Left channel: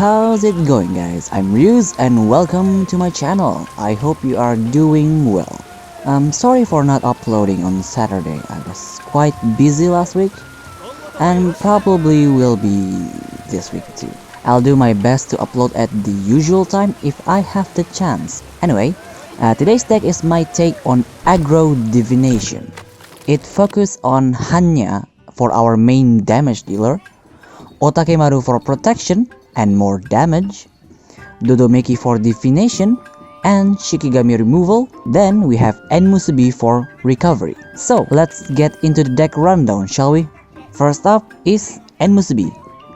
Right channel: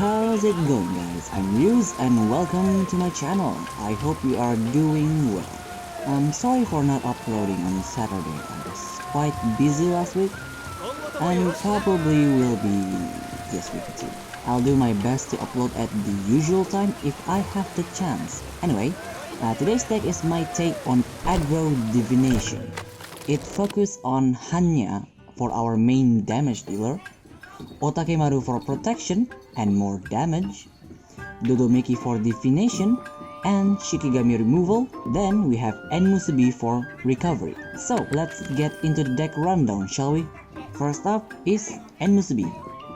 how's it going guys? I'm Ryuz and welcome to my channel. I hope you are doing well. I'm sorry for not uploading on Saturday. I was quite busy last week and probably will be this week too. I'll do my best to upload at the usual time if I have the chance. Anyway, today's deck is my take on AGGRO Divination. It focuses on Hannya for our main damage dealer, Otakemaru for protection and more damage, Dodomeki for divination and Shikigami removal. Then we have Enmusubi for recovery. So let's get into the deck rundown, shall we? First up is Enmusubi.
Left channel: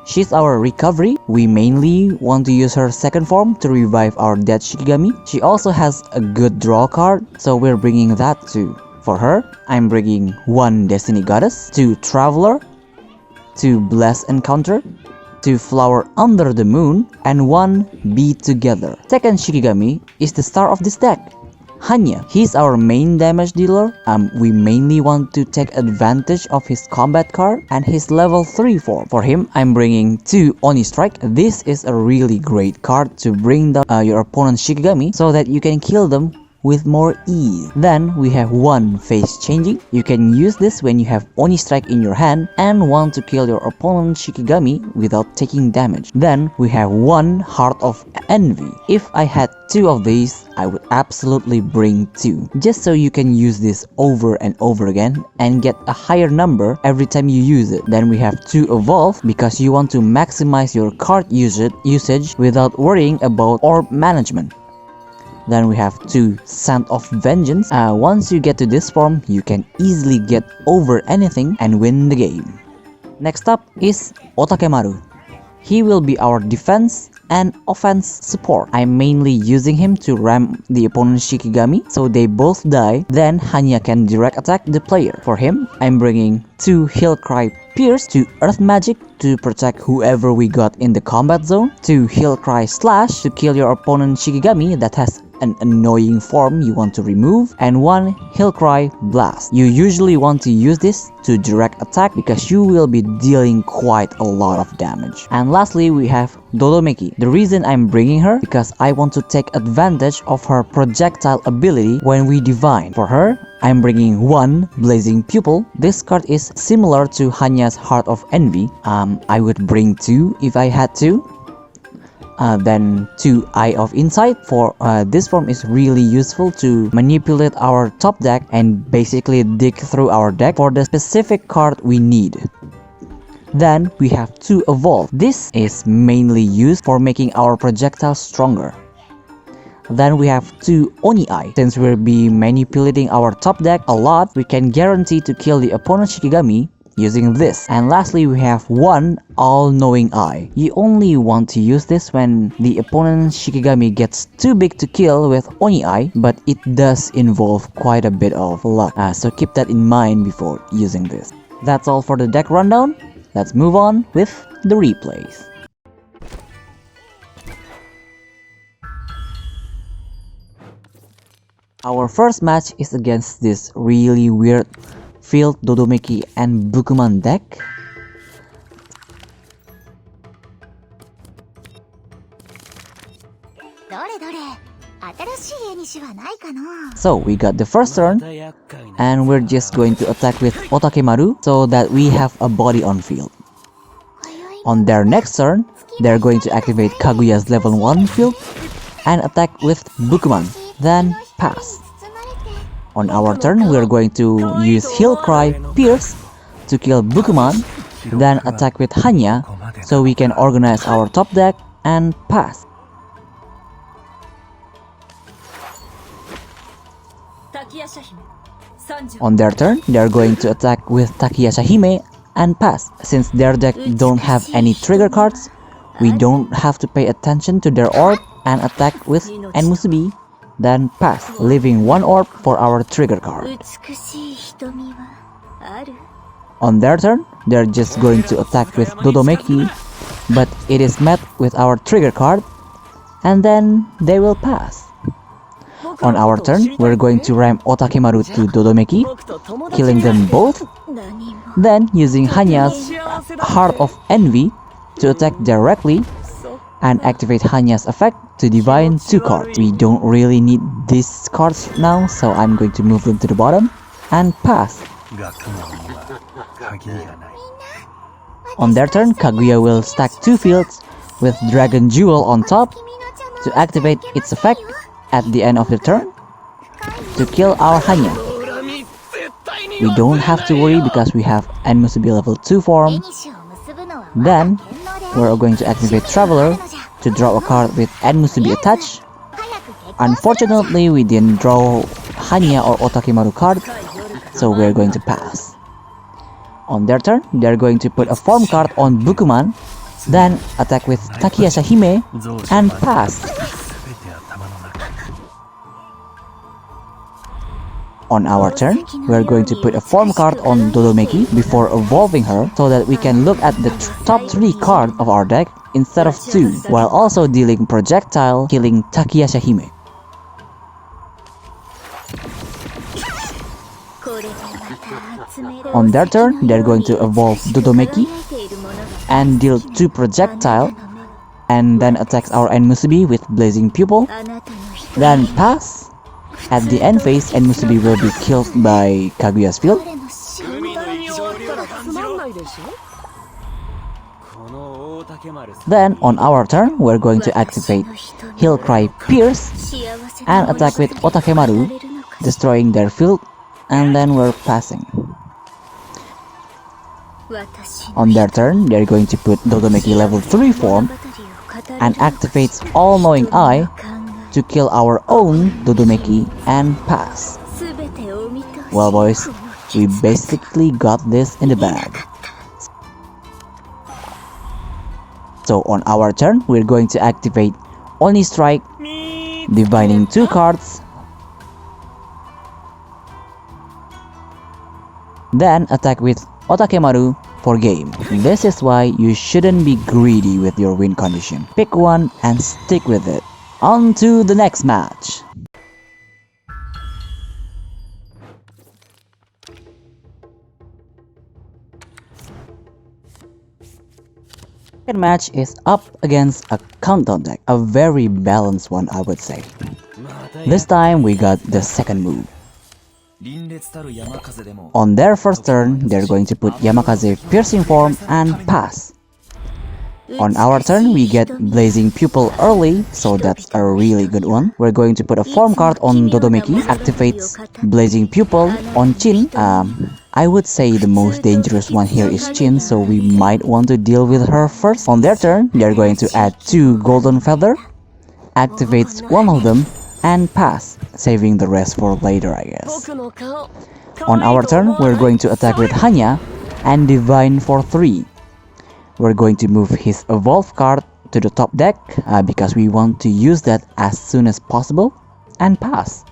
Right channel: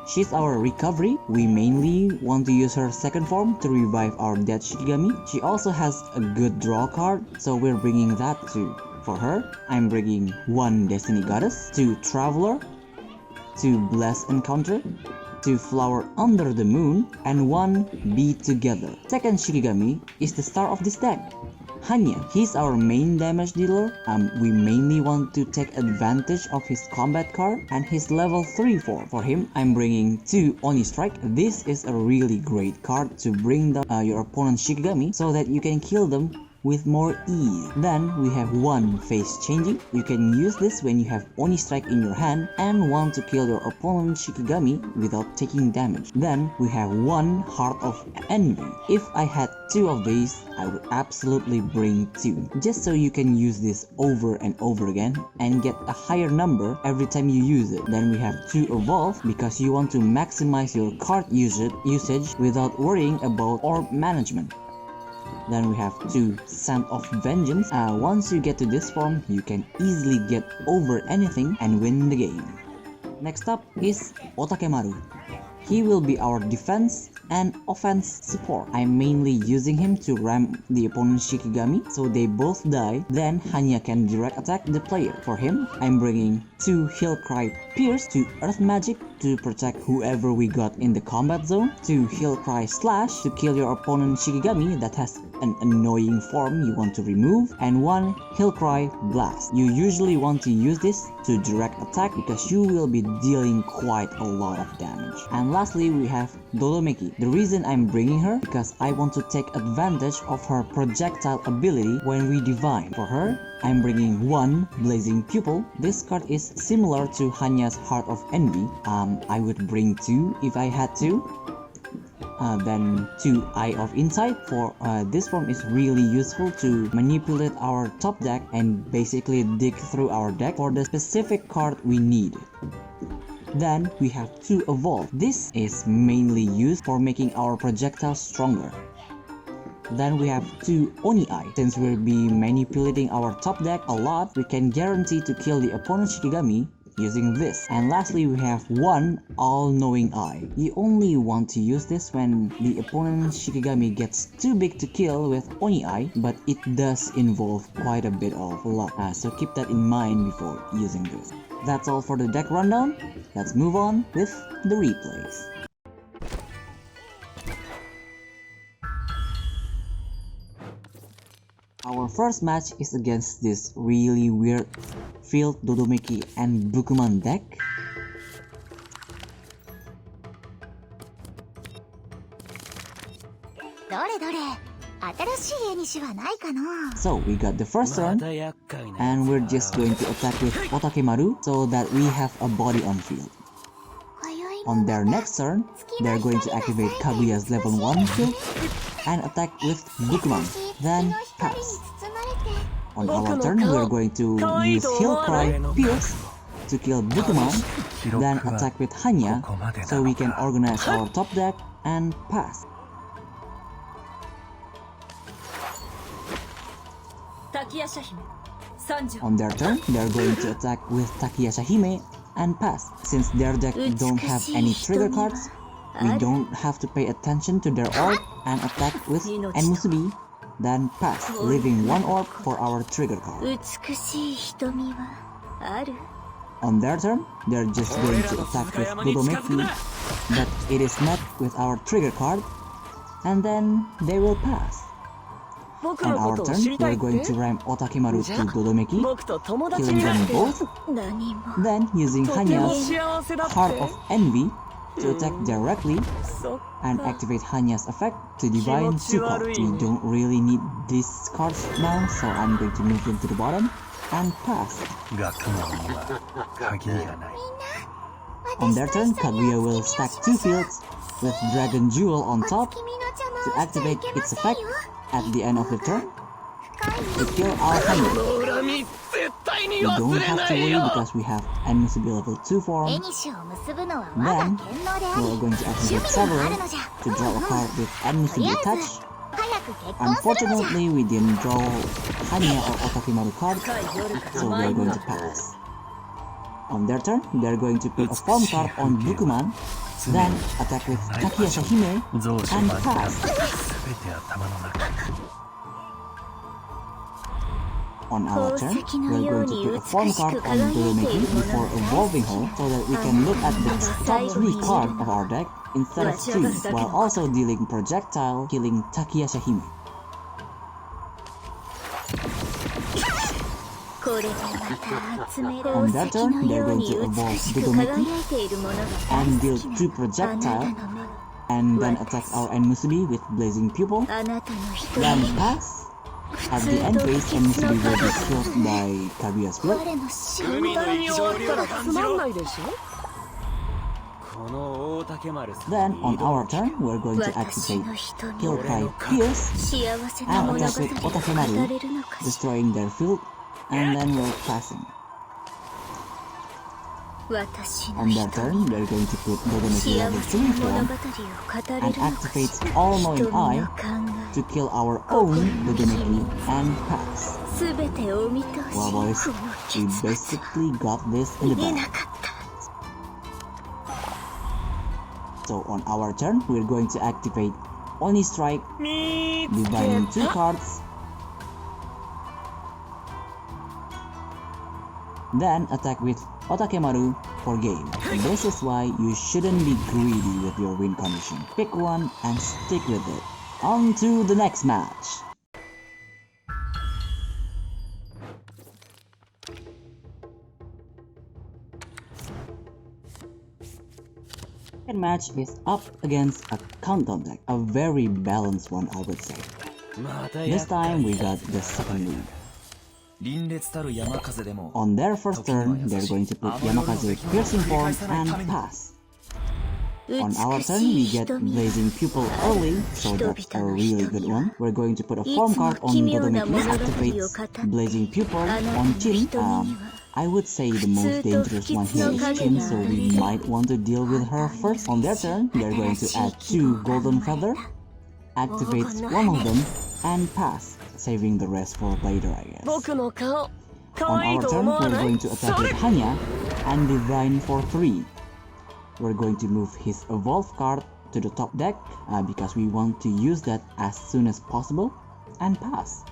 She's our recovery. We mainly want to use her second form to revive our dead Shikigami. She also has a good draw card, so we're bringing that too. For her, I'm bringing 1 Destiny Goddess, 2 Traveler, 2 Bless Encounter, 2 Flower Under the Moon, and 1 Be Together. Second Shikigami is the star of this deck, Hannya. He's our main damage dealer. We mainly want to take advantage of his combat card and his level 3 form. For him, I'm bringing 2 Oni Strike. This is a really great card to bring down your opponent's Shikigami so that you can kill them with more ease. Then we have 1 Face Changing. You can use this when you have Oni Strike in your hand and want to kill your opponent's Shikigami without taking damage. Then we have 1 Heart of Envy. If I had 2 of these, I would absolutely bring 2, just so you can use this over and over again and get a higher number every time you use it. Then we have 2 Evolve because you want to maximize your card usage without worrying about orb management. Then we have 2 Scent of Vengeance. Once you get to this form, you can easily get over anything and win the game. Next up is Otakemaru. He will be our defense and offense support. I'm mainly using him to ram the opponent's Shikigami so they both die, then Hannya can direct attack the player. For him, I'm bringing 2 Heal Cry Pierce, 2 Earth Magic to protect whoever we got in the combat zone, 2 Heal Cry Slash to kill your opponent's Shikigami that has an annoying form you want to remove, and 1 Heal Cry Blast. You usually want to use this to direct attack because you will be dealing quite a lot of damage. And lastly, we have Dodomeki. The reason I'm bringing her because I want to take advantage of her projectile ability when we divine. For her, I'm bringing 1 Blazing Pupil. This card is similar to Hannya's Heart of Envy. I would bring 2 if I had to. Then 2 Eye of Insight. For this form is really useful to manipulate our top deck and basically dig through our deck for the specific card we need. Then we have 2 Evolve. This is mainly used for making our projectiles stronger. Then we have 2 Oni Eye. Since we'll be manipulating our top deck a lot, we can guarantee to kill the opponent's Shikigami using this. And lastly, we have 1 All-Knowing Eye. You only want to use this when the opponent's Shikigami gets too big to kill with Oni Eye, but it does involve quite a bit of luck, so keep that in mind before using this. That's all for the deck rundown. Let's move on with the replays. Our first match is against this really weird Field Dodomeki and Bukuman deck. So we got the first turn and we're just going to attack with Otakemaru so that we have a body on field. On their next turn, they're going to activate Kaguya's level 1 field and attack with Bukuman, then pass. On our turn, we're going to use Heal Cry Pierce to kill Bukuman, then attack with Hannya so we can organize our top deck and pass. On their turn, they're going to attack with Takiyasha Hime and pass. Since their deck don't have any trigger cards, we don't have to pay attention to their orb and attack with Enmusubi, then pass, leaving 1 orb for our trigger card. On their turn, they're just going to attack with Dodomeki, but it is met with our trigger card, and then they will pass. On our turn, we're going to ram Otakemaru to Dodomeki, killing them both, then using Hannya's Heart of Envy to attack directly and activate Hanya's effect to divine 2 cards. We don't really need these cards now, so I'm going to move them to the bottom and pass. On their turn, Kaguya will stack 2 fields with Dragon Jewel on top to activate its effect at the end of the turn to kill our Hannya. We don't have to worry because we have Onmyoji level 2 form. Then, we're going to activate Traveler to draw a card with Onmyoji attached. Unfortunately, we didn't draw Hannya or Otakemaru card, so we're going to pass. On their turn, they're going to put a form card on Bukuman, then attack with Takayasha Hime and pass. On our turn, we're going to put a form card on Dodomeki before evolving her so that we can look at the top 3 cards of our deck instead of 2, while also dealing projectile, killing Takayasha Hime. On their turn, they're going to evolve Dodomeki and deal 2 projectile and then attacks our Onmyoji with Blazing Pupil, then pass. At the end phase, Onmyoji will be killed by Kaguya's field. Then, on our turn, we're going to activate Heal Cry Pierce and attack with Otakemaru, destroying their field, and then we're passing. On their turn, they're going to put Dodomeki level 3 form and activates All-Knowing Eye to kill our own Dodomeki and pass. Well boys, we basically got this in the bag. So on our turn, we're going to activate Oni Strike, divining 2 cards, then attack with Otakemaru for game. This is why you shouldn't be greedy with your win condition. Pick one and stick with it. On to the next match. Second match is up against a countdown deck, a very balanced one I would say. This time we got the second move. On their first turn, they're going to put Yamakaze Piercing Form and pass. On our turn, we get Blazing Pupil early, so that's a really good one. We're going to put a form card on Dodomeki, activates Blazing Pupil on Chin. I would say the most dangerous one here is Chin, so we might want to deal with her first. On their turn, they're going to add 2 Golden Feather, activates one of them, and pass, saving the rest for later I guess. On our turn, we're going to attack with Hannya and Divine for 3. We're going to move his Evolve card to the top deck because we want to use that as soon as possible and pass.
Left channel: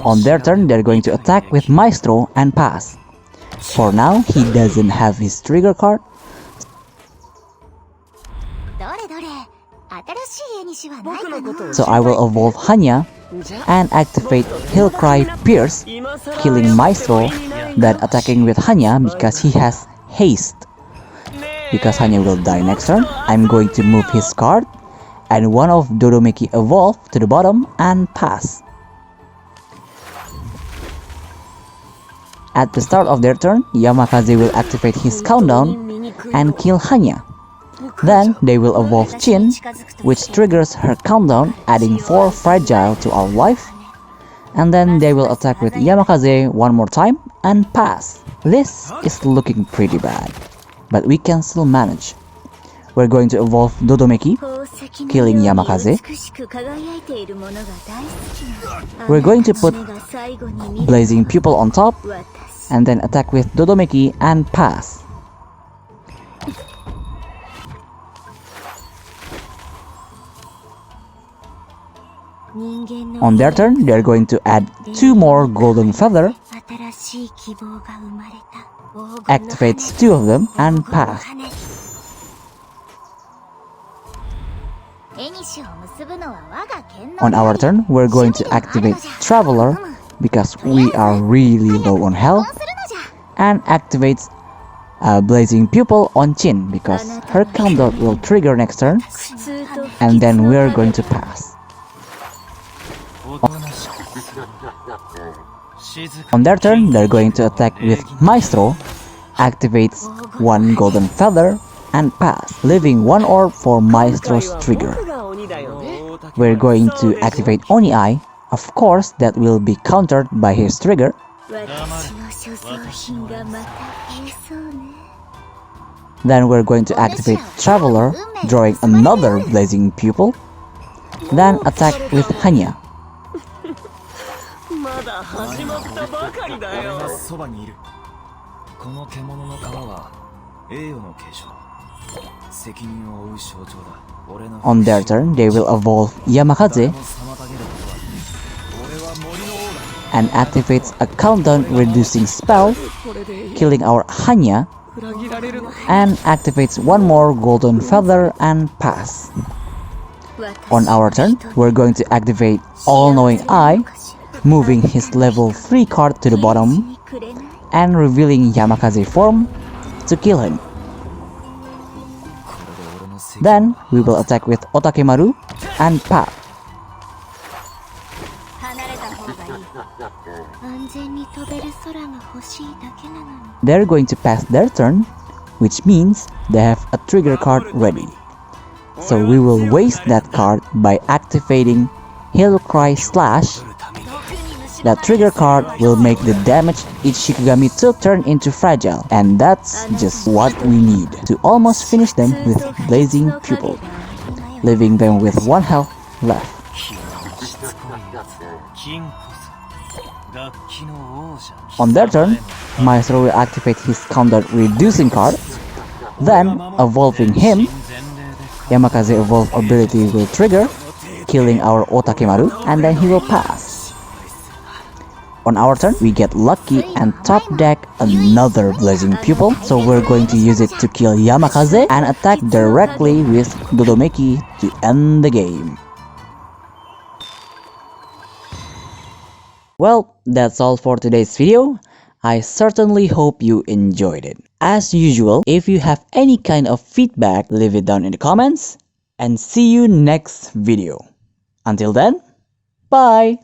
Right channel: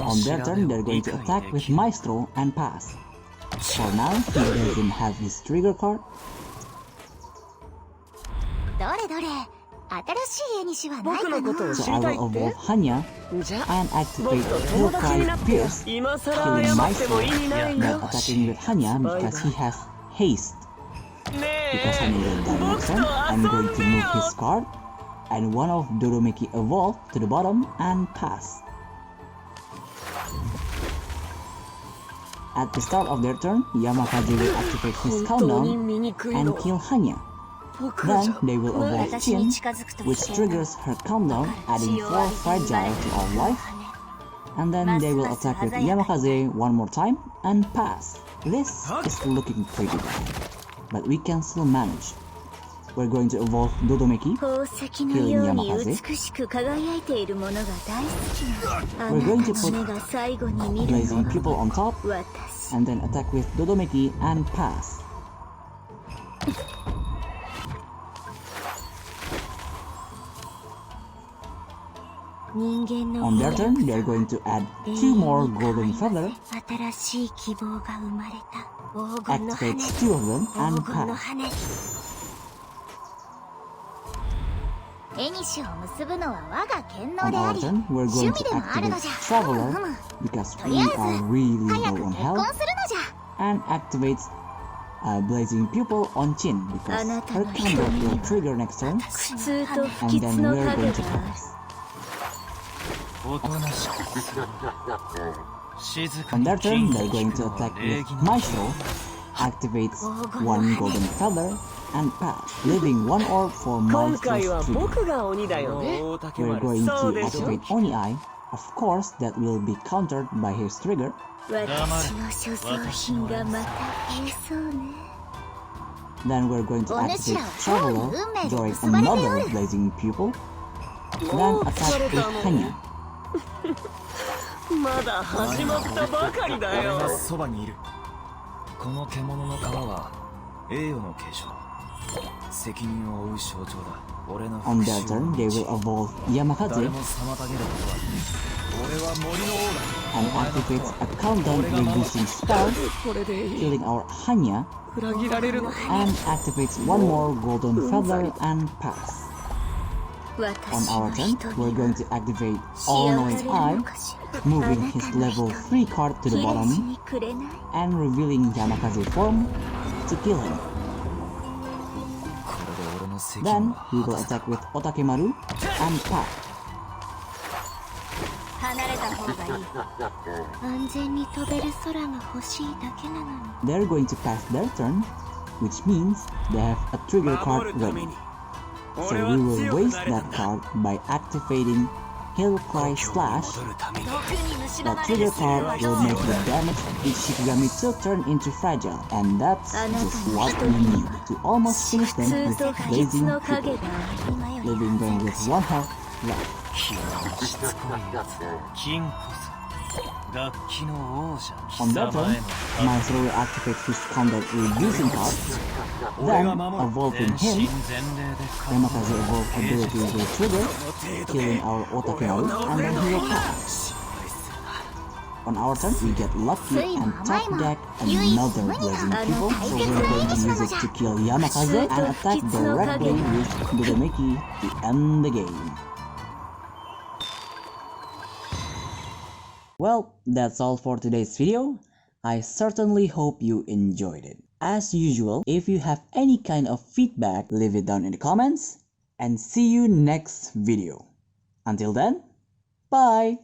On their turn, they're going to attack with Maestro and pass. For now, he doesn't have his trigger card. So I will evolve Hannya and activate Heal Cry Pierce, killing Maestro, then attacking with Hannya because he has haste. Because Hannya will die next turn, I'm going to move his card and one of Dodomeki evolve to the bottom and pass. At the start of their turn, Yamakaze will activate his countdown and kill Hannya. Then they will evolve Chin, which triggers her countdown, adding 4 fragile to our life. And then they will attack with Yamakaze one more time and pass. This is looking pretty bad, but we can still manage. We're going to evolve Dodomeki, killing Yamakaze. We're going to put Blazing Pupil on top, and then attack with Dodomeki and pass. On their turn, they're going to add 2 more Golden Feather, activates 2 of them, and pass. On our turn, we're going to activate Traveler because we are really low on health, and activates a blazing pupil on Chin because her counter will trigger next turn, and then we're going to pass. On their turn, they're going to attack with Maestro, activates one golden feather, and pass, leaving one orb for Maestro's trigger. We're going to activate Oni Eye. Of course, that will be countered by his trigger. Then we're going to activate Traveler, drawing another blazing pupil. Then attack with Hannya. On their turn, they will evolve Yamakaze and activates a countdown reducing spell, killing our Hannya, and activates one more golden feather and pass. On our turn, we're going to activate All-Knowing Eye, moving his level 3 card to the bottom and revealing Yamakaze form to kill him. Then we will attack with Otakemaru and pass. They're going to pass their turn, which means they have a trigger card ready. So we will waste that card by activating Hero Cry Slash. That trigger card will make the damaged Ichikugami 2 turn into fragile, and that's just what we need to almost finish them with Blazing Pupil, leaving them with 1 health left. On their turn, Maestro will activate his counter reducing card, then evolving him, Yamakaze evolve ability will trigger, killing our Otakemaru, and then he will pass. On our turn, we get lucky and top deck another Blazing Pupil, so we're going to use it to kill Yamakaze and attack directly with Dodomeki to end the game. Well, that's all for today's video. I certainly hope you enjoyed it. As usual, if you have any kind of feedback, leave it down in the comments, and see you next video. Until then, bye!